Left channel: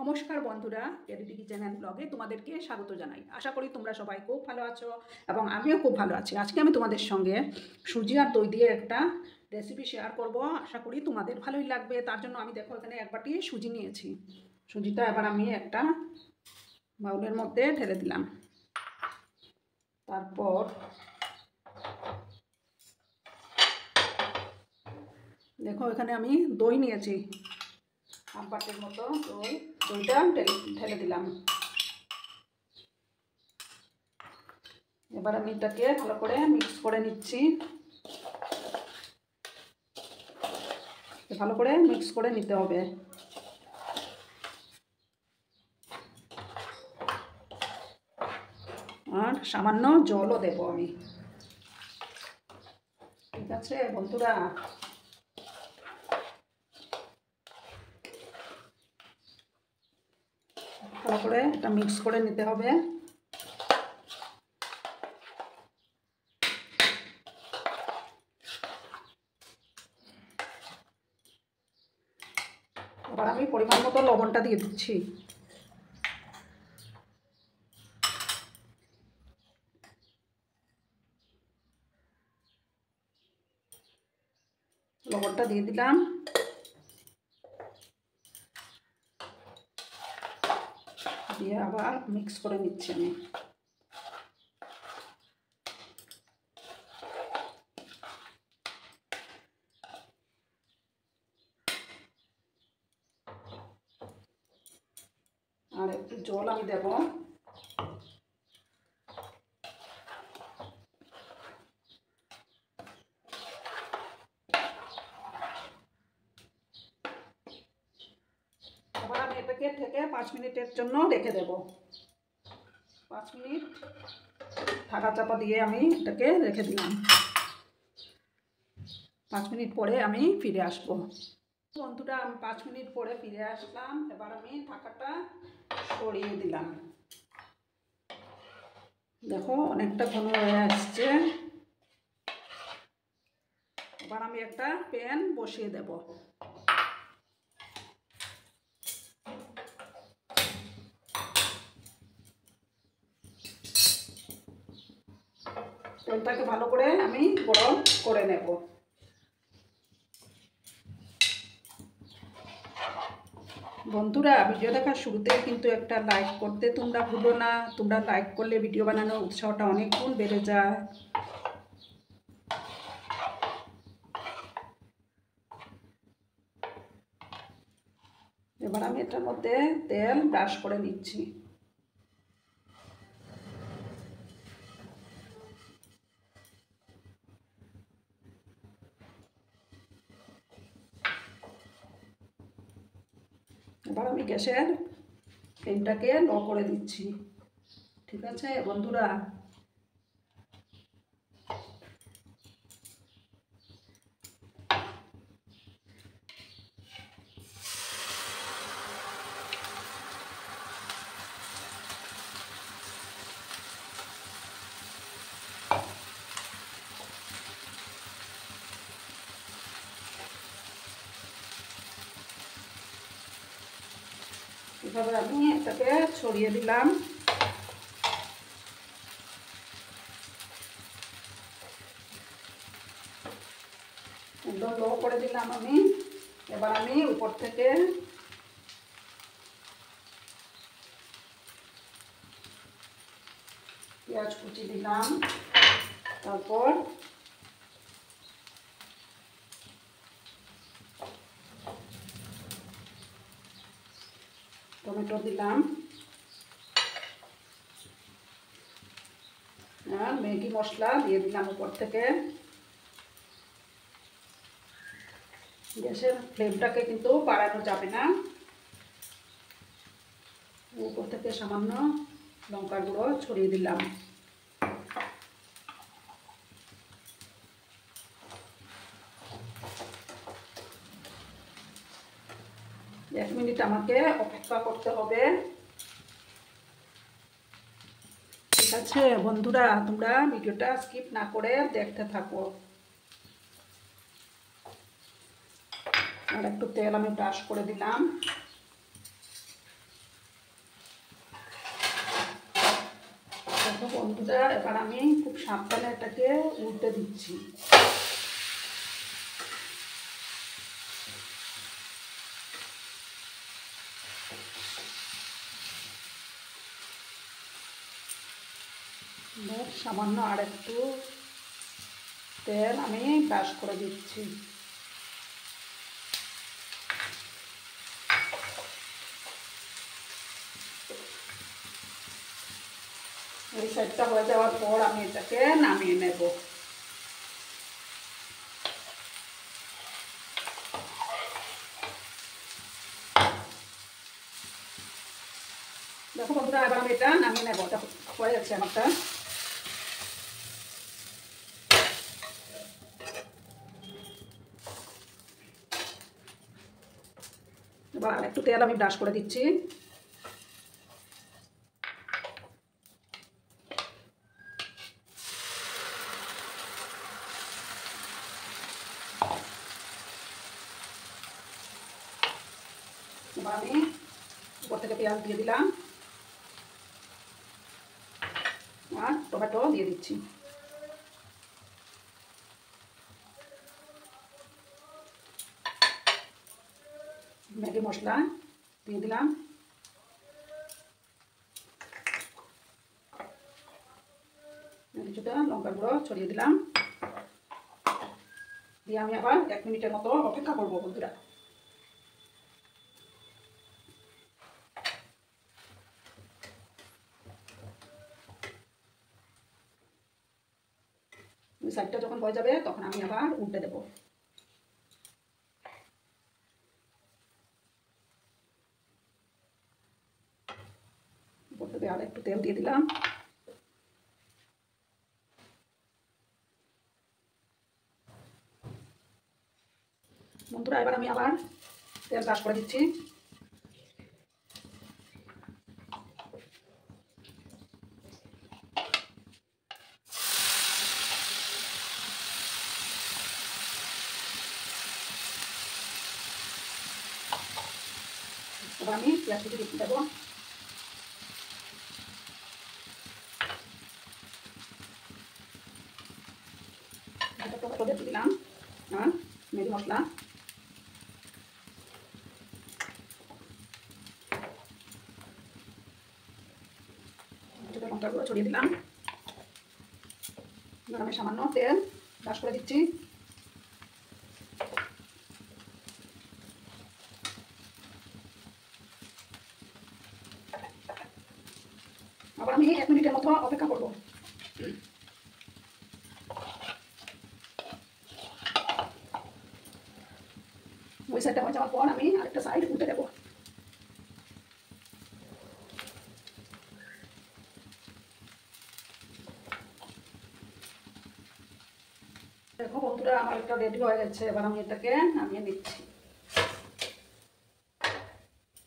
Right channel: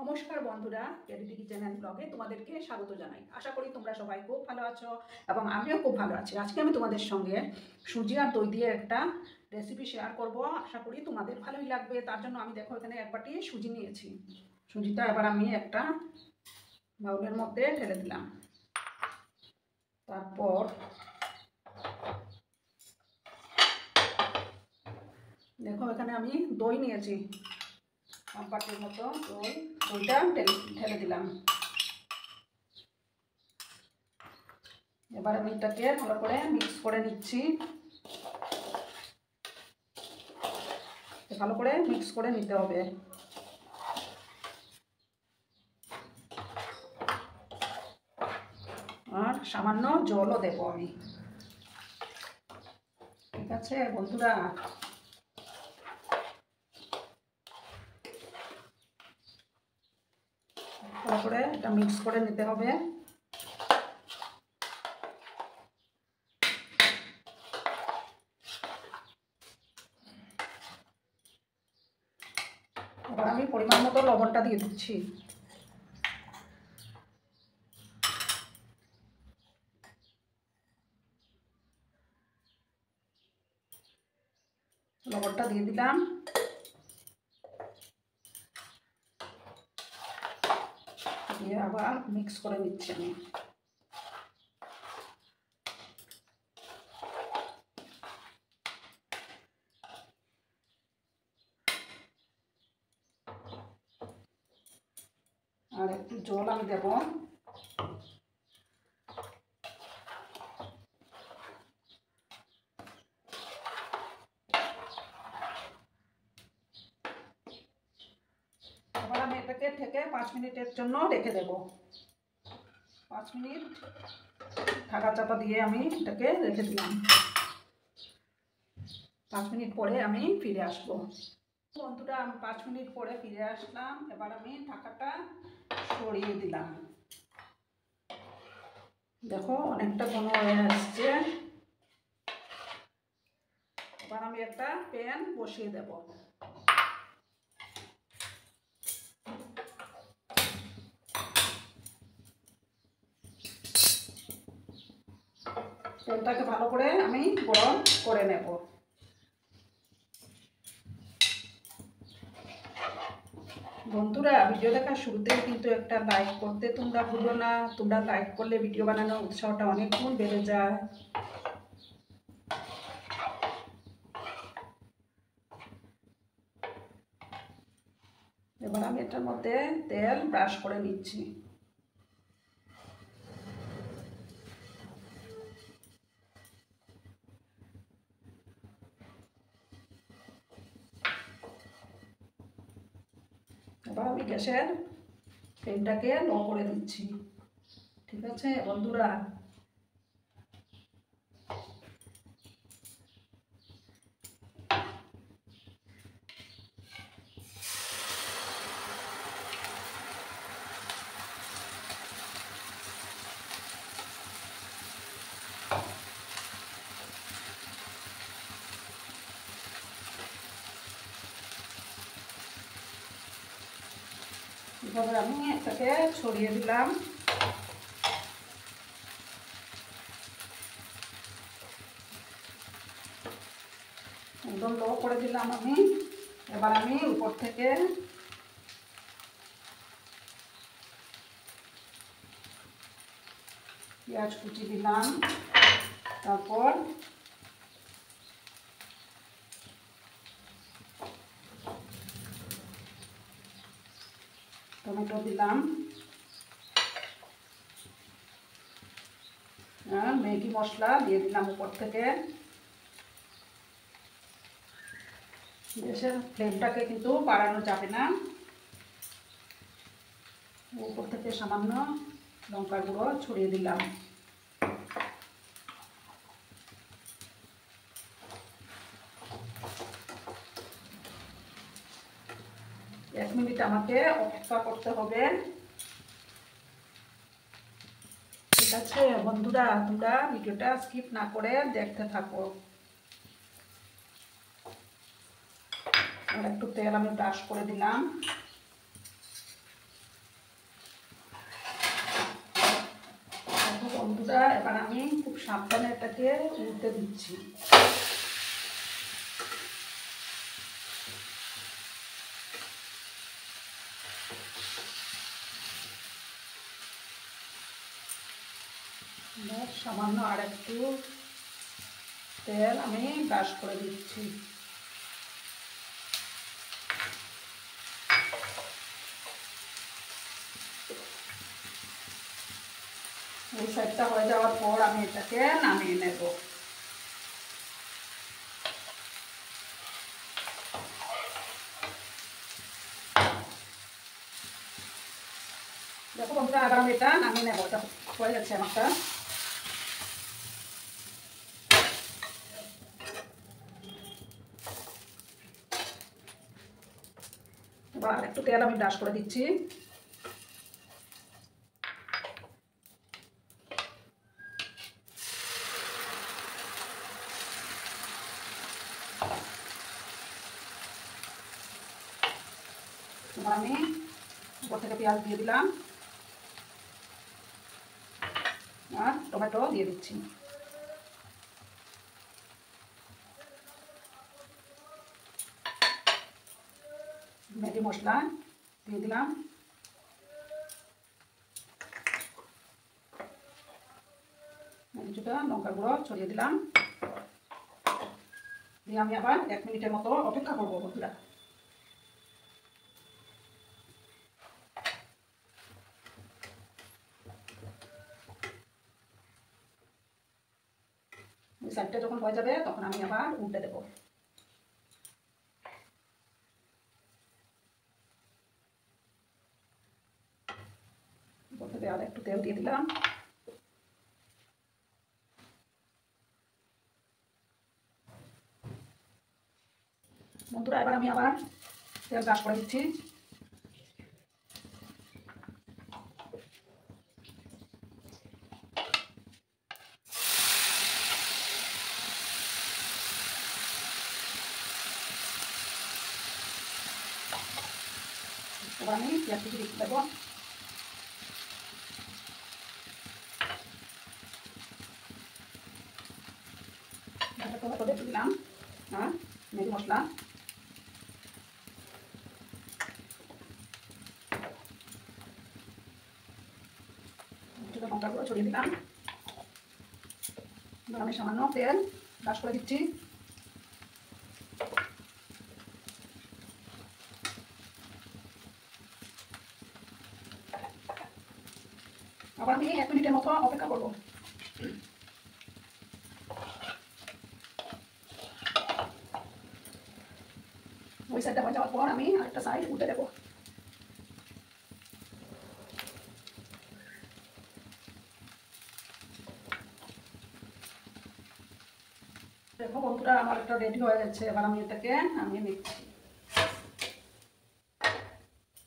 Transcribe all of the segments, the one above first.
নমস্কার বন্ধুরা, ক্যারিটি kitchen and ব্লগে তোমাদেরকে স্বাগত জানাই। আশা করি তোমরা সবাই খুব ভালো আছো এবং আমিও খুব ভালো আছি। আজকে আমি তোমাদের সঙ্গে সুজি আর দই দিয়ে একটা রেসিপি শেয়ার করব। আশা করি তোমাদের ভালোই লাগবে। তার জন্য আমি দেখো এখানে এক বাটি সুজি নিয়েছি। সুজিটা এবার আমি একটা বাউলের মধ্যে ঢেলে দিলাম। তারপর দেখো এখানে আমি দই নিয়েছি, হাফ বাটির মতো দইটা ঢেলে দিলাম। এবার আমি এটাকে ভালো করে মিক্স করে নিচ্ছি। ভালো করে মিক্স করে নিতে হবে। আর সামান্য জলও দেবো আমি। ঠিক আছে বন্ধুরা, ভালো করে এটা মিক্স করে নিতে হবে। এবার আমি পরিমাণ মতো লবণটা দিয়ে দিচ্ছি। লবণটা দিয়ে দিলাম। দিয়ে আবার মিক্স করে নিচ্ছি আমি। আর একটু জল আমি দেব। এবার আমি এটাকে ঢেকে 5 মিনিটের জন্য রেখে দেব। 5 মিনিট ঢাকা চাপা দিয়ে আমি এটাকে রেখে দিলাম। 5 মিনিট পরে আমি ফিরে আসবো। বন্ধুরা, আমি 5 মিনিট পরে ফিরে আসলাম। এবার আমি ঢাকাটা সরিয়ে দিলাম। দেখো অনেকটা ঘন হয়ে আসছে। এবার আমি একটা প্যান বসিয়ে দেব। তেলটাকে ভালো করে আমি গরম করে নেব। বন্ধুরা, ভিডিও দেখার শুরুতেই কিন্তু একটা লাইক করতে তোমরা ভুলো না। তোমরা লাইক করলে ভিডিও বানানোর উৎসাহটা অনেক গুণ বেড়ে যায়। এবার আমি এটার মধ্যে তেল ব্রাশ করে নিচ্ছি। এবার আমি গ্যাসের ফ্লেমটাকে লো করে দিচ্ছি। ঠিক আছে বন্ধুরা, এভাবে আমি এটাকে ছড়িয়ে দিলাম। একদম লো করে দিলাম আমি। এবার আমি উপর থেকে পেঁয়াজ কুচি দিলাম। তারপর টমেটো দিলাম। আর ম্যাগি মশলা দিয়ে দিলাম উপর থেকে। গ্যাসের ফ্লেমটাকে কিন্তু বাড়ানো যাবে না। উপর থেকে সামান্য লঙ্কার গুঁড়ো ছড়িয়ে দিলাম। এক মিনিট আমাকে অপেক্ষা করতে হবে। ঠিক আছে বন্ধুরা, তোমরা ভিডিওটা স্কিপ না করে দেখতে থাকো। আর একটু তেল আমি ব্রাশ করে দিলাম। বন্ধুরা এবার আমি খুব সাবধানে এটাকে উল্টে দিচ্ছি। সামান্য আর একটু তেল আমি ব্রাশ করে দিচ্ছি। এই সাইডটা হয়ে যাওয়ার পর আমি এটাকে নামিয়ে নেব। দেখো বন্ধুরা এবার আমি এটা নামিয়ে নেব। এটা হয়ে যাচ্ছে আমারটা। এবার আর একটু তেল আমি ব্রাশ করে দিচ্ছি। এবার আমি উপর থেকে পেঁয়াজ দিয়ে দিলাম আর টমেটো দিয়ে দিচ্ছি। ম্যাগি মশলা দিয়ে দিলাম। কিছুটা লঙ্কা গুঁড়ো ছড়িয়ে দিলাম। দিয়ে আমি আবার 1 মিনিটের মতো অপেক্ষা করবো বন্ধুরা। ওই সাইডটা যখন হয়ে যাবে তখন আমি আবার উল্টে দেবো। উপর থেকে আর একটু তেল দিয়ে দিলাম। বন্ধুরা এবার আমি আবার তেল ব্রাশ করে দিচ্ছি। এবার আমি পেঁয়াজ কুচি দিয়ে দেবো। টমেটো দিয়ে দিলাম আর ম্যাগি মশলা। লঙ্কা গুঁড়ো ছড়িয়ে দিলাম। এবার আমি সামান্য তেল ব্রাশ করে দিচ্ছি। আবার আমি 1 মিনিটের মতো অপেক্ষা করবো। ওই সাইডটা হয়ে যাওয়ার পর আমি আরেকটা সাইড উল্টে দেবো। দেখো বন্ধুরা আমার একটা রেডি হয়ে গেছে। এবার আমি এটাকে নামিয়ে নিচ্ছি।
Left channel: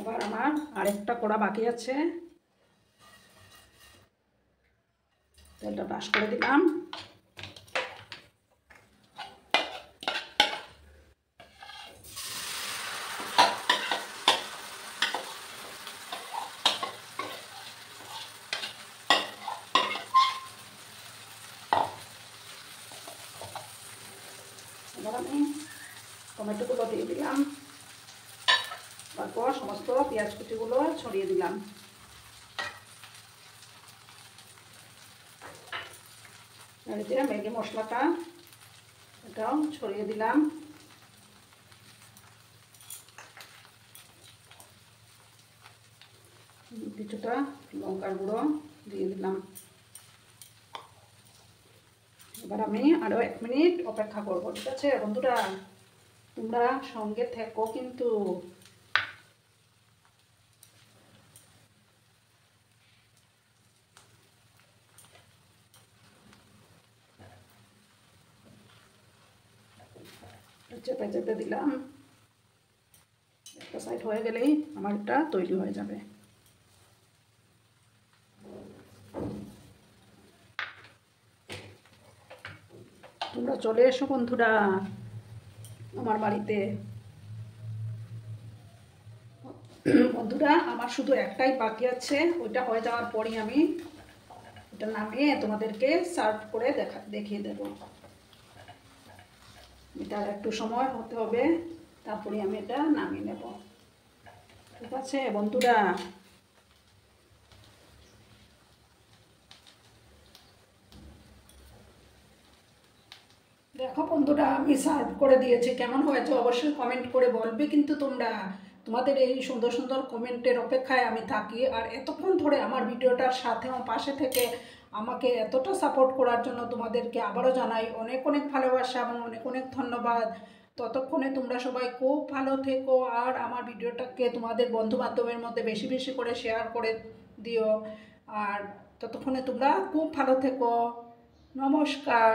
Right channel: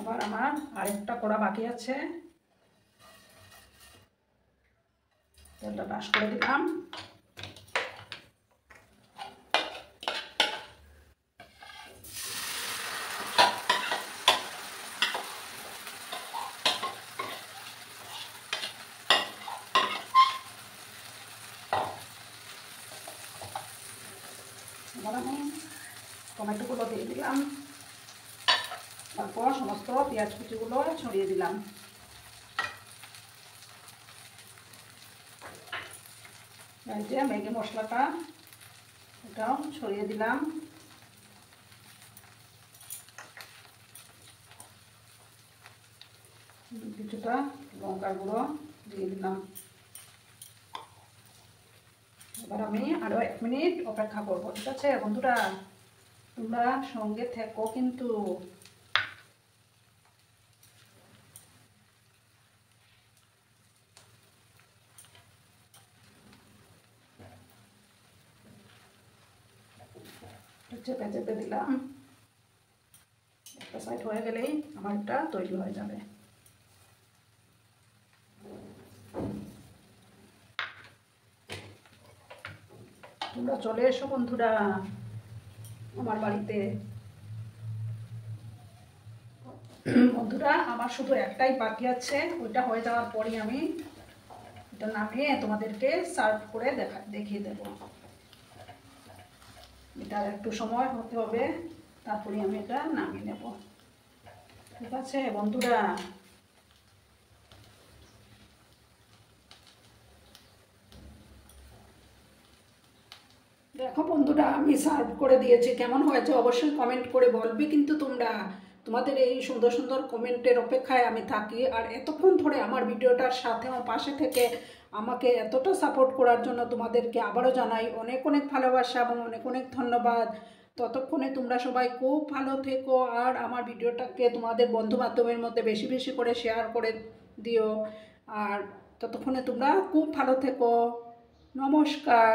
এবার আমার আরেকটা কড়া বাকি আছে। তেলটা ব্রাশ করে দিলাম। এবার আমি টমেটোগুলো দিয়ে দিলাম। তারপর সমস্ত পেঁয়াজ কুচিগুলো ছড়িয়ে দিলাম। এই যে ম্যাগি মশলাটা এটাও ছড়িয়ে দিলাম। কিছুটা লঙ্কার গুঁড়ো দিয়ে দিলাম। এবার আমি আরো 1 মিনিট অপেক্ষা করবো। ঠিক আছে বন্ধুরা, তোমরা সঙ্গে থেকো কিন্তু। চেপে চেপে দিলাম। একটা সাইড হয়ে গেলেই আমারটা তৈরি হয়ে যাবে। তোমরা চলে এসো বন্ধুরা আমার বাড়িতে। বন্ধুরা আমার শুধু একটাই বাকি আছে। ওইটা হয়ে যাওয়ার পরই আমি এটা নামিয়ে তোমাদেরকে সার্ভ করে দেখিয়ে দেব। এটা একটু সময় হতে হবে, তারপরে আমি এটা নামিয়ে নেব। ঠিক আছে বন্ধুরা, দেখো বন্ধুরা আমি সার্ভ করে দিয়েছি, কেমন হয়েছে অবশ্যই কমেন্ট করে বলবে কিন্তু তোমরা। তোমাদের এই সুন্দর সুন্দর কমেন্টের অপেক্ষায় আমি থাকি। আর এতক্ষণ ধরে আমার ভিডিওটার সাথে আমার পাশে থেকে আমাকে এতটা সাপোর্ট করার জন্য তোমাদেরকে আবারও জানাই অনেক অনেক ভালোবাসা এবং অনেক অনেক ধন্যবাদ। ততক্ষণে তোমরা সবাই খুব ভালো থেকো, আর আমার ভিডিওটাকে তোমাদের বন্ধু বান্ধবের মধ্যে বেশি বেশি করে শেয়ার করে দিও। আর ততক্ষণে তোমরা খুব ভালো থেকো। নমস্কার।